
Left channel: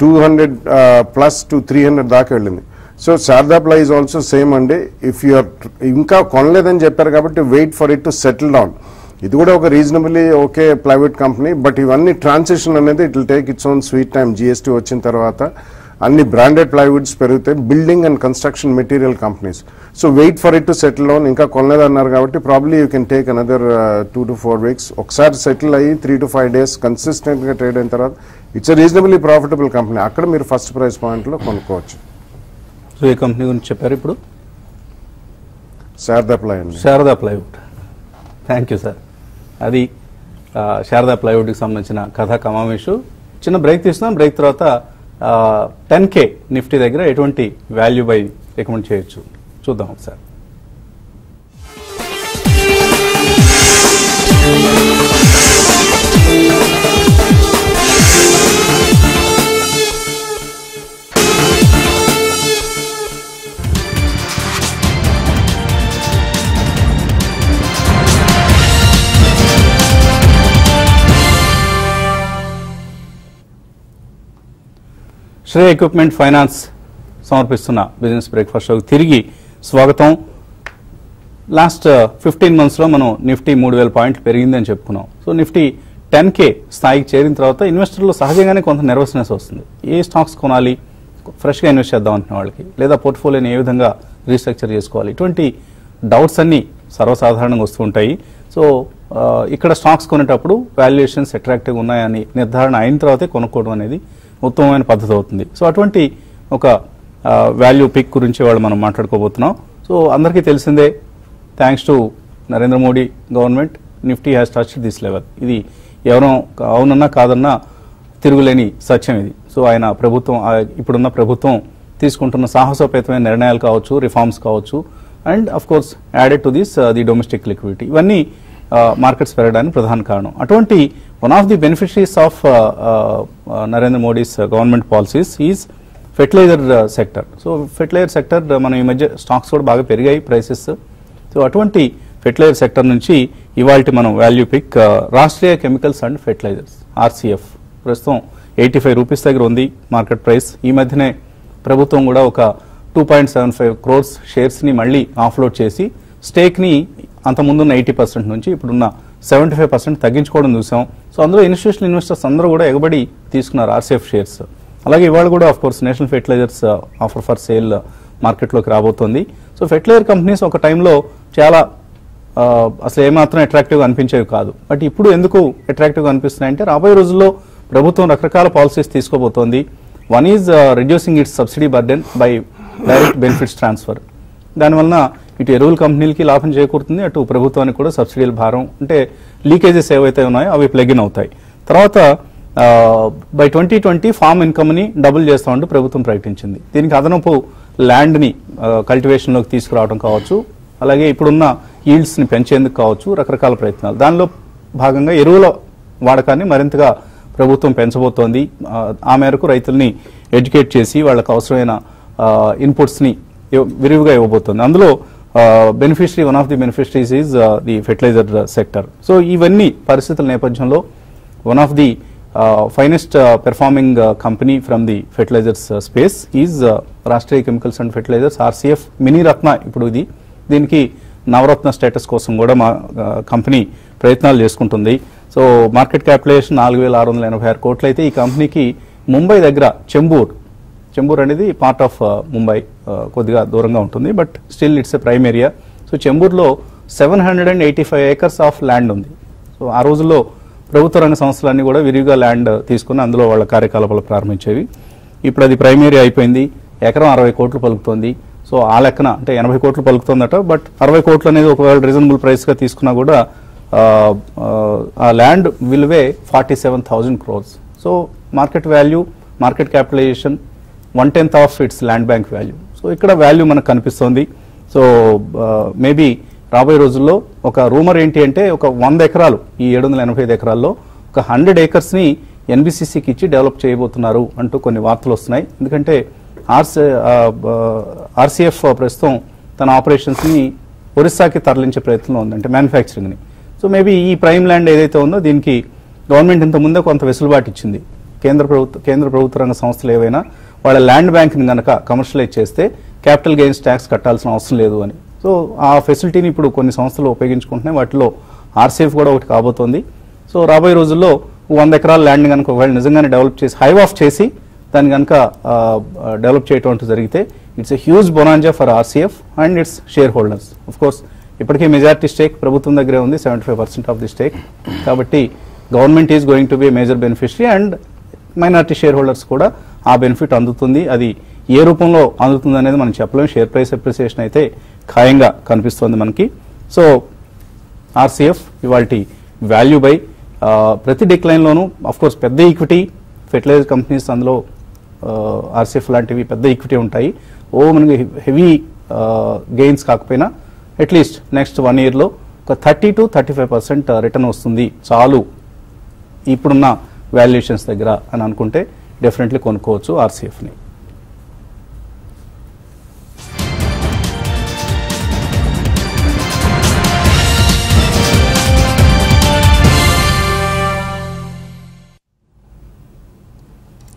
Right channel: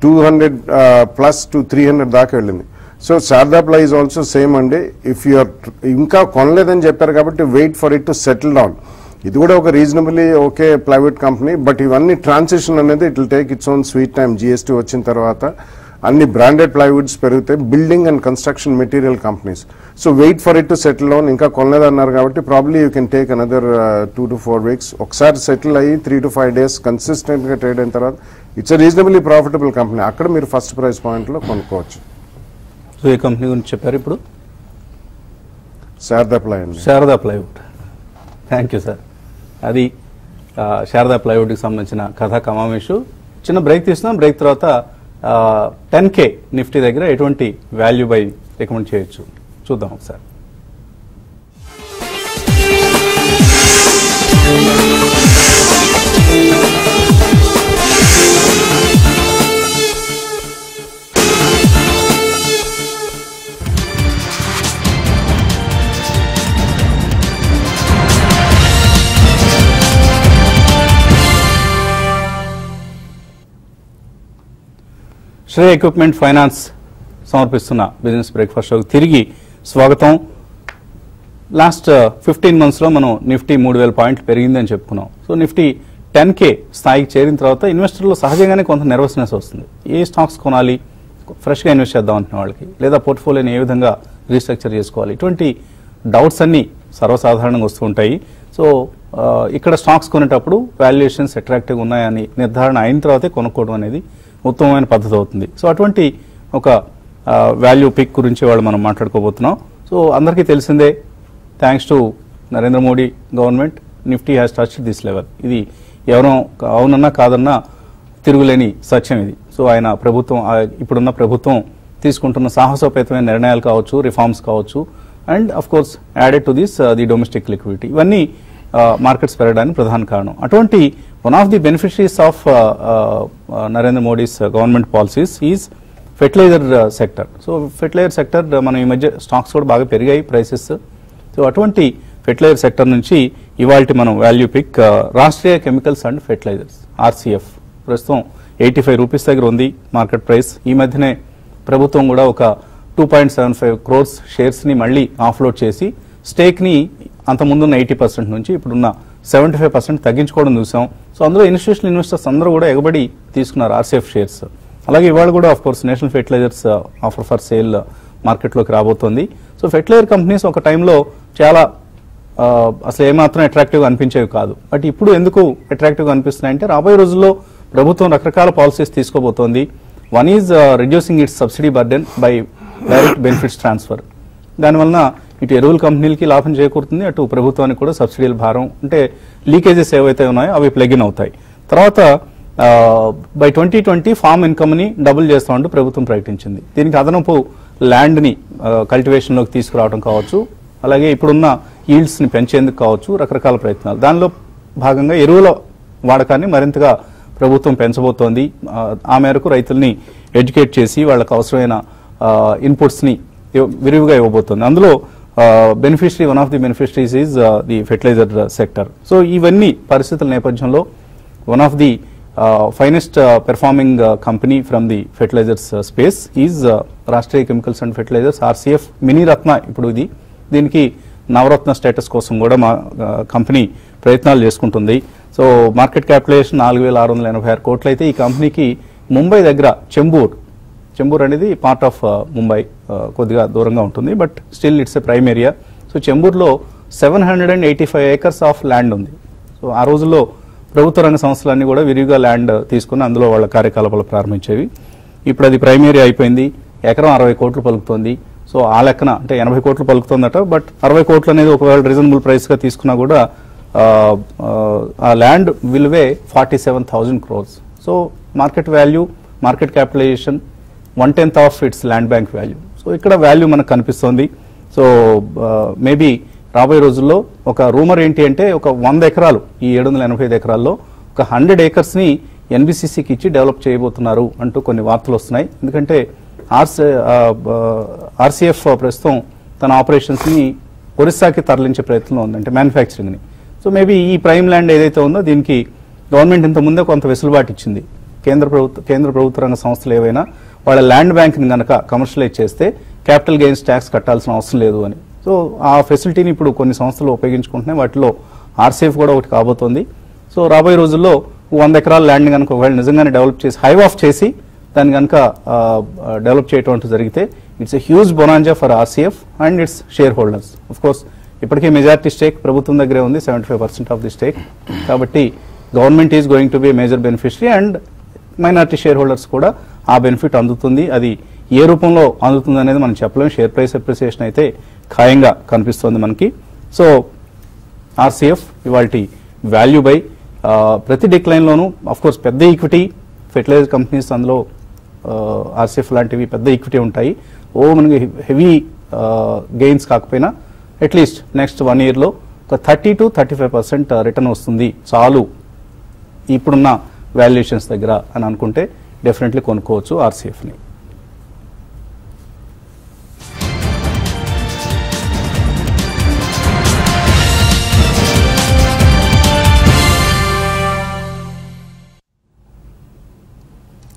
200+ to 300 దాకా వెళ్ళింది. So Sharda ply is also same అండి. ఇఫ్ యూఆర్ ఇంకా కొనలేదని చెప్పారు కాబట్టి wait for it to settle down. ఇది కూడా ఒక reasonably okay private company. But ఇవన్నీ ట్రాన్సిషన్ అనేది it will take its own sweet time. GST వచ్చిన తర్వాత అన్ని బ్రాండెడ్ ప్లైవుడ్స్ పెరుగుతాయి, building and construction material companies. So wait for it to settle down. ఇంకా కొనలేదన్నారు కాబట్టి probably you can take another 2 to 4 weeks. ఒకసారి సెటిల్ అయ్యి 3 to 5 days కన్సిస్టెంట్ గా ట్రేడ్ అయిన తర్వాత ఇట్స్ రీజనబుల్లీ ప్రాఫిటబుల్ కంపెనీ. అక్కడ మీరు ఫస్ట్ ప్రైస్ పాయింట్ లో కొనుక్కోవచ్చు. సో ఈ కంపెనీ గురించి చెప్పారు ఇప్పుడు Sharada plywood. Sharada plywood. Thank you sir. అది శారదా ప్లైవుడ్కి సంబంధించిన కథా కమావేశు. చిన్న బ్రేక్ తీసుకున్నాం. బ్రేక్ తర్వాత 10K నిఫ్టీ దగ్గర ఎటువంటి వాల్యూ బై రికమెండ్ చేయొచ్చు చూద్దాం ఒకసారి. శ్రేయ ఎక్విప్మెంట్ ఫైనాన్స్ సమర్పిస్తున్న బిజినెస్ బ్రేక్ఫాస్ట్ షోకి తిరిగి స్వాగతం. లాస్ట్ 15 months లో మనం నిఫ్టీ 3000 పాయింట్లు పెరిగిందని చెప్పుకున్నాం. సో నిఫ్టీ 10K స్థాయికి చేరిన తర్వాత ఇన్వెస్టర్లు సహజంగానే కొంత నెర్వస్నెస్ వస్తుంది. ఏ స్టాక్స్ కొనాలి, ఫ్రెష్ గా ఇన్వెస్ట్ చేద్దాం అంటున్న వాళ్ళకి, లేదా పోర్ట్ఫోలియోని ఏ విధంగా రీస్ట్రక్చర్ చేసుకోవాలి, ఇటువంటి డౌట్స్ అన్ని సర్వసాధారణంగా వస్తూ ఉంటాయి. సో ఇక్కడ స్టాక్స్ కొనేటప్పుడు వాల్యుయేషన్స్ అట్రాక్టివ్ ఉన్నాయని నిర్ధారణ అయిన తర్వాతే కొనుక్కోవడం అనేది ఉత్తమమైన పద్ధతి అవుతుంది. సో అటువంటి ఒక వాల్యూ పిక్ గురించి వాళ్ళు మనం మాట్లాడుకోబోతున్నాం. సో అందరికీ తెలిసిందే, thanks to Narendra Modi government Nifty has touch this level. ఇది ఎవరో అవునన్నా కాదన్నా తిరుగులేని సత్యం ఇది. సో ఆయన ప్రభుత్వం, ఇప్పుడున్న ప్రభుత్వం తీసుకుంటున్న సాహసోపేతమైన నిర్ణయాలు కావచ్చు, రిఫార్మ్స్ కావచ్చు, and of course added to this the domestic liquidity, ఇవన్నీ మార్కెట్స్ పెరగడానికి ప్రధాన కారణం. అటువంటి one of the beneficiaries of Narendra Modi's government policies is fertilizer sector. So fertilizer sector మనం ఈ మధ్య స్టాక్స్ కూడా బాగా పెరిగాయి ప్రైసెస్. సో అటువంటి ఫెర్టిలైజర్ సెక్టర్ నుంచి ఇవాల్టి మనం value pick Rashtriya chemicals and fertilisers RCF ప్రస్తుతం 85 రూపీస్ దగ్గర ఉంది మార్కెట్ ప్రైస్. ఈ మధ్యనే ప్రభుత్వం కూడా ఒక 2.75 crores షేర్స్ ని మళ్ళీ ఆఫ్లోడ్ చేసి స్టేక్ ని అంత ముందున్న 80% నుంచి ఇప్పుడున్న 75% తగ్గించుకోవడం చూసాం. సో అందులో ఇన్స్టిట్యూషనల్ ఇన్వెస్టర్స్ అందరూ కూడా ఎగబడి తీసుకున్నారు RCF షేర్స్. అలాగే ఇవాళ కూడా of course national fertilisers offer for sale market లోకి రాబోతోంది. సో ఫెర్టిలైజర్ కంపెనీస్ ఒక టైంలో చాలా అసలు ఏమాత్రం అట్రాక్టివ్ గా అనిపించేవి కాదు. బట్ ఇప్పుడు ఎందుకు అట్రాక్టివ్ గా అనిపిస్తున్నాయంటే రాబోయే రోజుల్లో ప్రభుత్వం రకరకాల పాలసీస్ తీసుకోబోతోంది. One is reducing its subsidy burden by direct benefits transfer. దానివల్ల ఇటు ఎరువుల కంపెనీలకి లాభం చేకూరుతుంది, అటు ప్రభుత్వానికి కూడా సబ్సిడీల భారం అంటే లీకేజెస్ ఏవైతే ఉన్నాయో అవి ప్లగ్ ఇన్ అవుతాయి. తర్వాత బై 2020 ఫార్మ్ ఇన్కమ్ ని డబుల్ చేస్తామంటూ ప్రభుత్వం ప్రకటించింది. దీనికి అదనపు ల్యాండ్ ని కల్టివేషన్ లోకి తీసుకురావడం కావచ్చు, అలాగే ఇప్పుడున్న ఈల్డ్స్ ని పెంచేందుకు కావచ్చు, రకరకాల ప్రయత్నాలు. దానిలో భాగంగా ఎరువుల వాడకాన్ని మరింతగా ప్రభుత్వం పెంచబోతోంది. ఆ మేరకు రైతుల్ని ఎడ్యుకేట్ చేసి వాళ్ళకు అవసరమైన ఇన్పుట్స్ ని విరివిగా ఇవ్వబోతోంది. అందులో beneficiary, one of the beneficiaries is the fertiliser sector. So ఇవన్నీ పరిస్థితుల నేపథ్యంలో one of the finest performing company from the fertilisers space is Rashtriya chemicals and fertilisers RCF mini ratna. ఇప్పుడు దీనికి నవరత్న స్టేటస్ కోసం కూడా మా కంపెనీ ప్రయత్నాలు చేసుకుంటుంది. సో మార్కెట్ క్యాపిటలైజేషన్ 4,686 కోట్లు అయితే ఈ కంపెనీకి ముంబై దగ్గర చెంబూర్ అనేది పార్ట్ ఆఫ్ ముంబై, కొద్దిగా దూరంగా ఉంటుంది, but still it's a prime area. So చెంబూర్లో 785 acres ఆఫ్ ల్యాండ్ ఉంది. సో ఆ రోజుల్లో ప్రభుత్వ రంగ సంస్థలన్నీ కూడా విరివిగా ల్యాండ్ తీసుకుని అందులో వాళ్ళ కార్యకలాపాలు ప్రారంభించేవి. ఇప్పుడు అది ప్రైమ్ ఏరియా అయిపోయింది. ఎకరం 60 కోట్లు పలుకుతోంది. సో ఆ లెక్కన అంటే 80 కోట్లు పలుకుతుందట, బట్ 60 కోట్లు అనేది ఒకవేళ రీజనబుల్ ప్రైస్ గా తీసుకున్నా కూడా ఆ ల్యాండ్ విలువే 47,000 crores. So market value, market capitalisation 1/10 of its land bank value. So ఇక్కడ వాల్యూ మనకు కనిపిస్తుంది. సో మేబీ రాబోయే రోజుల్లో ఒక రూమర్ ఏంటి అంటే ఒక 100 ఎకరాలు, ఈ 785 ఎకరాల్లో ఒక 100 acres ని ఎన్బిసిసికి ఇచ్చి డెవలప్ చేయబోతున్నారు అంటూ కొన్ని వార్తలు వస్తున్నాయి. ఎందుకంటే ఆర్సీఎఫ్ ప్రస్తుతం తన ఆపరేషన్స్ ని ఒరిస్సాకి తరలించే ప్రయత్నం ఉంది, అంటే మ్యానుఫ్యాక్చరింగ్ ని. సో మేబీ ఈ ప్రైమ్ ల్యాండ్ ఏదైతే ఉందో దీనికి గవర్నమెంట్ ఇంత ముందే కొంత వెసులుబాటు ఇచ్చింది. కేంద్ర ప్రభుత్వ రంగ సంస్థలు ఏవైనా వాళ్ళ ల్యాండ్ బ్యాంక్ ని కనుక కమర్షియలైజ్ చేస్తే క్యాపిటల్ గెయిన్స్ ట్యాక్స్ కట్టాల్సిన అవసరం లేదు అని. సో ఆ ఫెసిలిటీని ఇప్పుడు కొన్ని సంస్థలు ఉపయోగించుకుంటున్నాయి. వాటిలో ఆర్సీఎఫ్ కూడా ఒకటి కాబోతోంది. సో రాబోయే రోజుల్లో 100 ఎకరాల ల్యాండ్ కనుక ఒకవేళ నిజంగానే డెవలప్ చేసి హైవ్ ఆఫ్ చేసి దాన్ని కనుక డెవలప్ చేయడం జరిగితే it's a huge bonanza for RCF and it's share holders. Of course ఇప్పటికే మెజారిటీ స్టేక్ ప్రభుత్వం దగ్గరే ఉంది, 75% ఆఫ్ ది స్టేక్. కాబట్టి government is going to B major beneficiary and minority share holders కూడా ఆ బెనిఫిట్ అందుతుంది. అది ఏ రూపంలో అందుతుంది అనేది మనం చెప్పలేం. షేర్ ప్రైస్ అప్రిసియేషన్ అయితే ఖాయంగా కనిపిస్తుంది మనకి. సో ఆర్సీఎఫ్ ఇవాల్టి వాల్యూ బై. ప్రతి డిక్లైన్ లోను ఆఫ్ కోర్స్ పెద్ద ఈక్విటీ ఫెర్టిలైజర్ కంపెనీస్, అందులో ఆర్సీఎఫ్ లాంటివి పెద్ద ఈక్విటీ ఉంటాయి. మనకి హెవీ గెయిన్స్ కాకపోయినా అట్లీస్ట్ నెక్స్ట్ 1 year లో ఒక 30 to 35% రిటర్న్ వస్తుంది చాలు ఇప్పుడున్న వాల్యుయేషన్స్ దగ్గర అని అనుకుంటే డెఫినెట్లీ కొనుక్కోవచ్చు ఆర్సీఎఫ్ ని.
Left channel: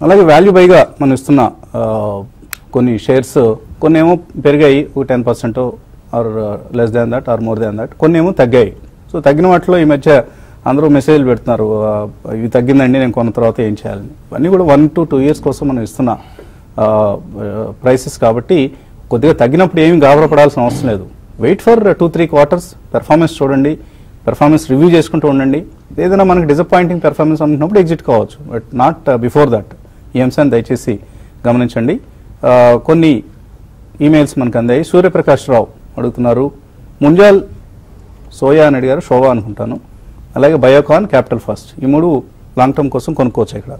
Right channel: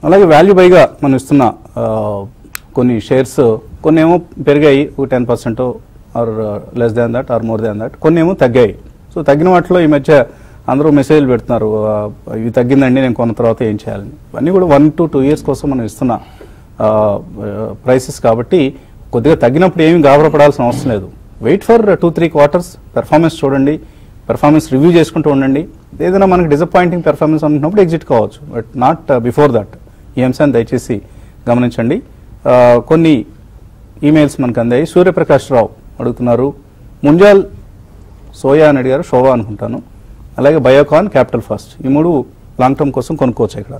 అలాగే వాల్యూ బైగా మనం ఇస్తున్న కొన్ని షేర్స్, కొన్ని ఏమో పెరిగాయి ఒక 10% or less than that or more than that, కొన్ని ఏమో తగ్గాయి. సో తగ్గిన వాటిలో ఈ మధ్య అందరూ మెసేజ్ పెడుతున్నారు, ఇవి తగ్గిందండి నేను కొన్న తర్వాత ఏం చేయాలని. అన్నీ కూడా 1 to 2 years కోసం మనం ఇస్తున్న ప్రైసెస్ కాబట్టి కొద్దిగా తగ్గినప్పుడు ఏమి గాబరపడాల్సిన అవసరం లేదు. వెయిట్ ఫర్ 2-3 quarters, పెర్ఫార్మెన్స్ చూడండి, పెర్ఫార్మెన్స్ రివ్యూ చేసుకుంటూ ఉండండి. ఏదైనా మనకి డిసప్పాయింటింగ్ పెర్ఫార్మెన్స్ అనుకున్నప్పుడు ఎగ్జిట్ కావచ్చు, బట్ నాట్ బిఫోర్ దట్. ఈ అంశాన్ని దయచేసి గమనించండి. కొన్ని ఈమెయిల్స్ మనకు అందాయి. సూర్యప్రకాష్ రావు అడుగుతున్నారు, ముంజాల్ సోయా అని అడిగారు, షోవా అనుకుంటాను. అలాగే బయోకాన్, క్యాపిటల్ ఫస్ట్, ఈ 3 లాంగ్ టర్మ్ కోసం కొనుక్కోవచ్చు ఇక్కడ.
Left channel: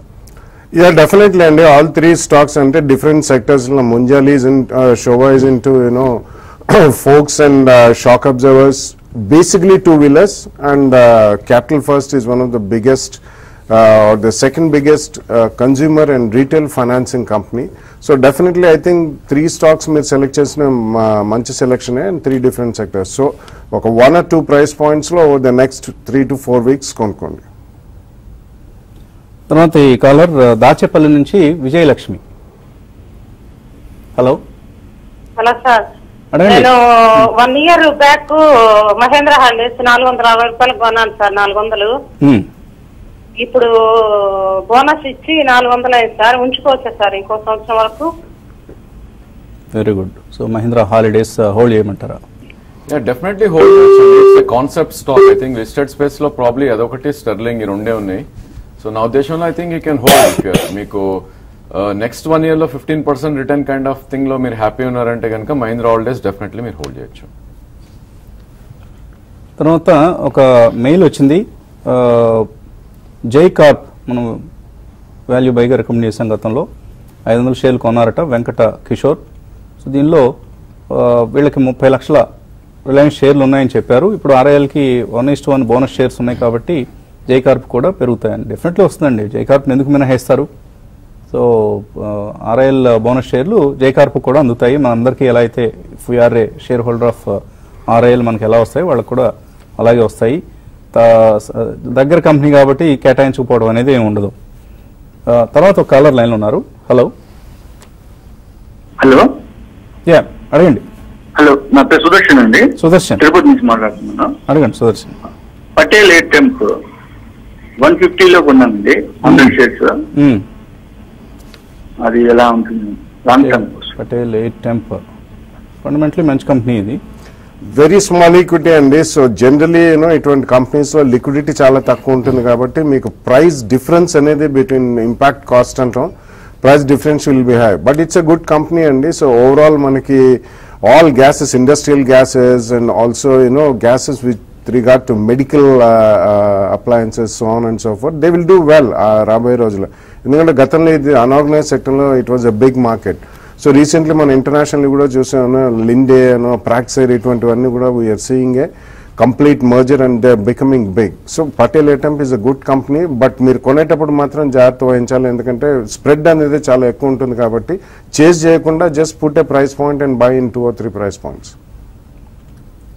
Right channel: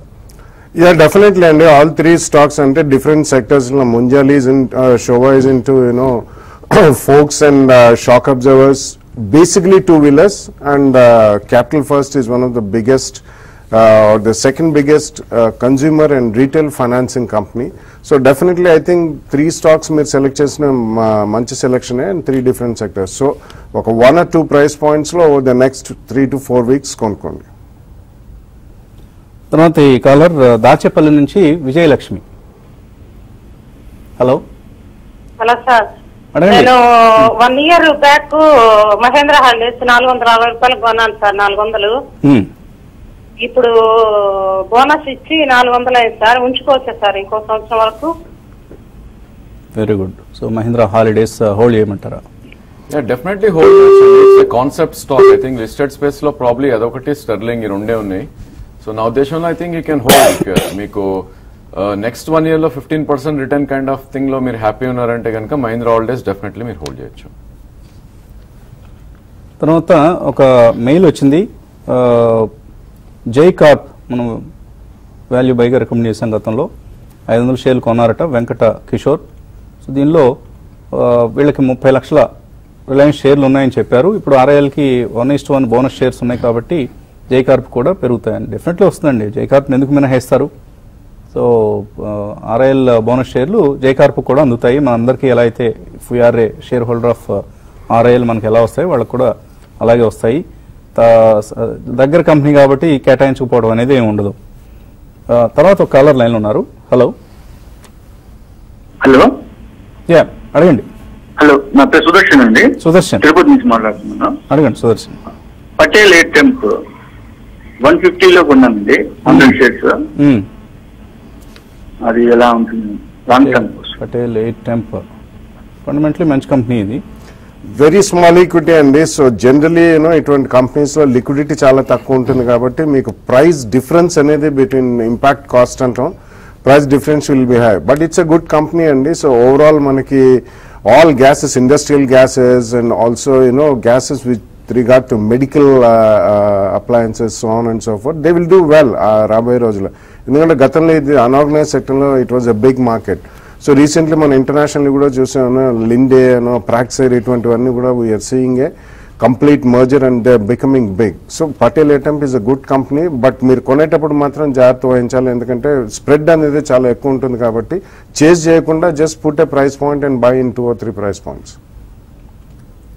Yeah, definitely, and all 3 stocks and different sectors. Munjal is in, Showa is into, folks and shock absorbers, basically 2-wheelers, and Capital First is one of the biggest, or the second biggest consumer and retail financing company. So definitely, I think 3 stocks may select chesina manchi selection and 3 different sectors. So 1 or 2 price points lo over the next 3 to 4 weeks konukondi. తర్వాత ఈ caller Dachepalli నుంచి Vijayalakshmi. Hello hello sir, నేను 1 year back Mahindra holidays 460 రూపాయలు కొన్నాను sir, 400. ఇప్పుడు bonus ఇచ్చి 400 అయింది sir. ఉంచుకోవచ్చా sir ఇంకో సంవత్సరం వరకు? Very good. So Mahindra holidays hold చేయమంటారా? Yeah, definitely hold. It's a concept stock. I think listed space lo probably adokati Sterling in unde unnai. So now Deshan, I think you can hold. Meeku next 1 year lo 15% return kind of thing lo meer happy unnarante ganaka Mahindra Holidays definitely meer hold cheyochu. తర్వాత ఒక mail వచ్చింది, జై Corp మనం value బైగా recommend చేసాం గతంలో. 500 షేర్లు కొన్నారట Venkata Kishore. So దీనిలో వీళ్ళకి 30 లక్షల రిలయన్స్ షేర్లు ఉన్నాయని చెప్పారు. ఇప్పుడు RILకి 1:1 బోనస్ షేర్స్ ఉన్నాయి కాబట్టి జై కార్ప్ కూడా పెరుగుతాయని. డెఫినెట్లీ వస్తుందండి. జై కార్ప్ ఎందుకు మినహాయిస్తారు? సో RIL బోనస్ షేర్లు జై కార్ప్ కూడా అందుతాయి. మన అందరికీ ఎలా అయితే we're a shareholder of RIL మనకి ఎలా వస్తాయి, వాళ్ళకు కూడా అలాగే వస్తాయి. దగ్గర కంపెనీ కాబట్టి కేటాయించుకోవడం అనేది ఏమి ఉండదు. తర్వాత ఒక కాలర్ లైన్ ఉన్నారు. హలో. హలో, యా అడగండి. హలో, నా పేరు సుదర్శన్ అండి. సుదర్శన్ తిరుపతి నుంచి మాట్లాడుతున్నా. అడగండి సుదర్శన్. పటేల్ ఎయిర్టెంప్ 150లో కొన్నానండి 100 షేర్స్. అది ఎలా ఉంటుంది లాంగ్ టర్మ్? పటేల్ ఎయిర్టెంప్ ఫండమెంటలీ మంచి కంపెనీ ఇది. వెరీ స్మాల్ ఈక్విటీ అండి. సో జనరలీ ఇటువంటి కంపెనీస్ లో లిక్విడిటీ చాలా తక్కువ ఉంటుంది కాబట్టి మీకు ప్రైస్ డిఫరెన్స్ అనేది బిట్వీన్ ఇంపాక్ట్ కాస్ట్ అంటాం. price difference will be high. But it's a good company, and so overall manaki all gases, industrial gases, and also gases with regard to medical appliances, so on and so forth, they will do well రాబోయే రోజుల్లో. ఎందుకంటే గతంలో ఇది unorganised సెక్టర్లో it was a big market. So recently మనం international కూడా చూసాము, Linde Praxair ఇటువంటివన్నీ కూడా we're seeing a complete merger and they are becoming big. So Patel Airtemp is a good company, but మీరు కొనేటప్పుడు మాత్రం జాగ్రత్త వహించాలి, ఎందుకంటే స్ప్రెడ్ అనేది చాలా ఎక్కువ ఉంటుంది కాబట్టి చేజ్ చేయకుండా just put a price point and by in 2 or 3 price points.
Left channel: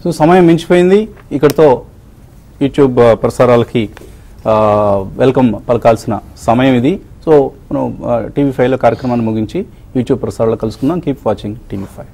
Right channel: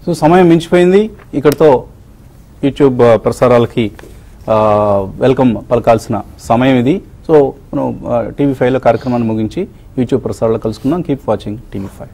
So సమయం మించిపోయింది. ఇక్కడతో యూట్యూబ్ ప్రసారాలకి వెల్కమ్ పలకాల్సిన సమయం ఇది. సో టీవీ5 లో కార్యక్రమాన్ని ముగించి యూట్యూబ్ ప్రసారాలు కలుసుకుందాం. Keep watching TV5.